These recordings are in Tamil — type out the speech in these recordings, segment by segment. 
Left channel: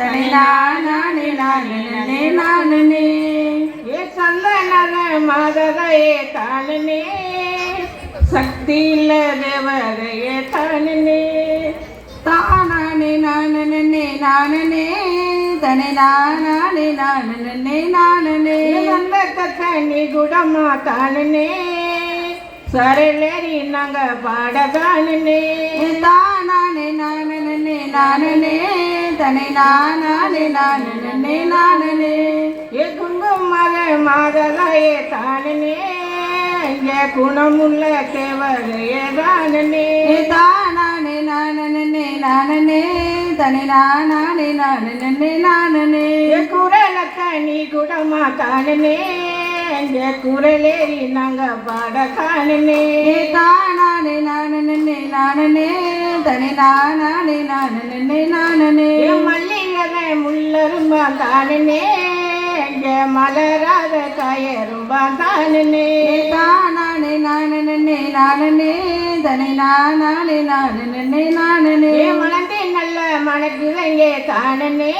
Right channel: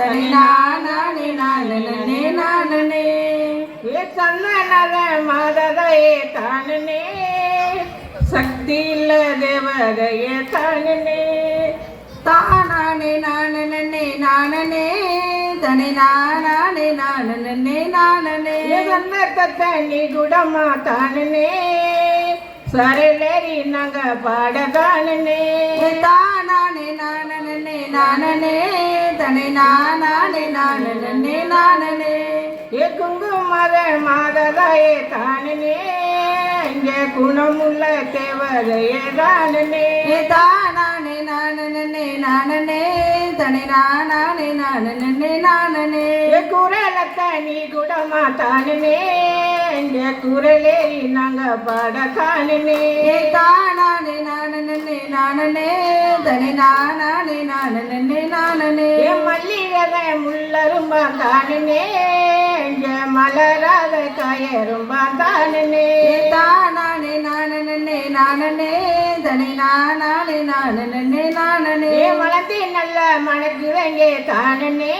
தனி நானே நானே நானே ஏ சந்தனத மததையே தானே சக்தி இல்ல தேவதையே தானே தானே நானே நானே தனி நானே நானே நானே தனி குடமா தானே சரளரி நக பாட தானே தானே நானே நானே தனி நானே நானே நானே ஏ குங்குமர மாததாயே தானே இங்கே குணமுள்ள தேவதையே தானே தானே நானே நானே தனி நானே நானே நானே ஏ குரலத்த நீ குடமா தானே இங்கே குரலேறி நாங்க பாட தானே தானே நானே நானே தனி நானே நானே நானே ஏ மல்லிகை முள்ளரும்பா தானே இங்கே மலராத காயரும்பா தானே தானே நானே நானே தனி நானே நானே நானே ஏ வளர்ந்தே நல்ல மனக்குதங்கே தானே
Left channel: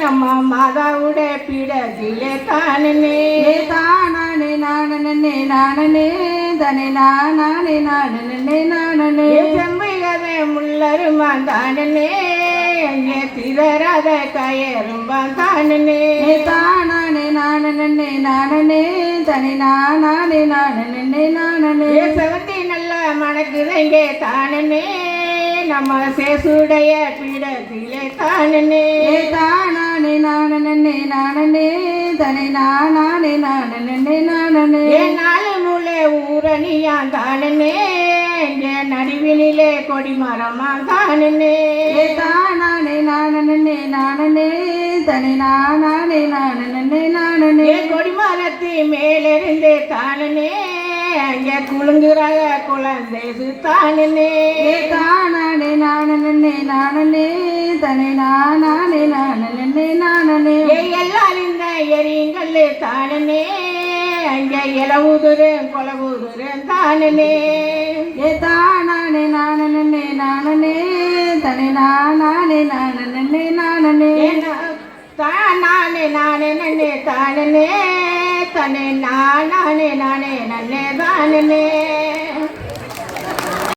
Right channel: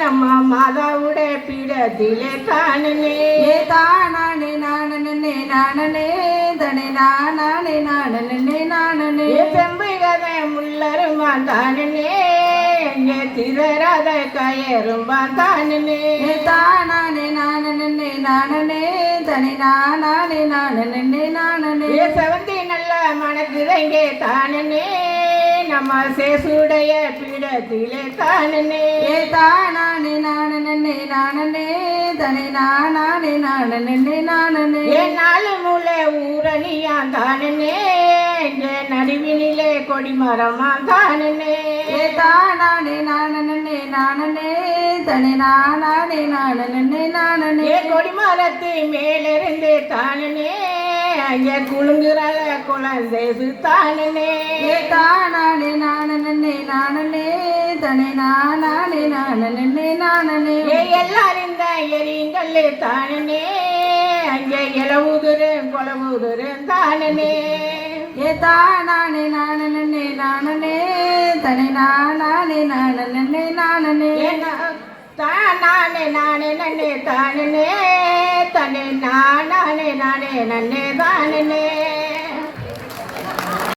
நம்ம மாதாவுட பீடத்திலே தானே தானே நானே நானே தனி நானே நானே நானே ஏ செம்பைகதை முள்ளரும்பா தானே இங்கே திதறாத காயரும்பா தானே தானே நானே நானே தனி நானே நானே நானே ஏ செவந்தி நல்ல மனக்குதங்கே தானே நம்ம சேசுடைய பீடத்திலே தானே தானே நானே நானே தனி நானே நானே நானே ஏ நாலு மூளை ஊரணியா தானே இங்கே நடுவினிலே கொடிமரமா தானே தானே நானே நானே தனி நானே நானே நானே ஏ கொடிமரத்து மேலிருந்து தானே அங்கே குழுங்குற குழந்தை தானே தானே நானே நானே தனி நானே நானே நானே ஏ எல்லாரும் இந்த எரியுங்கள் தானே அங்கே இலவுதுரு கொலவுதுரு தானே தானே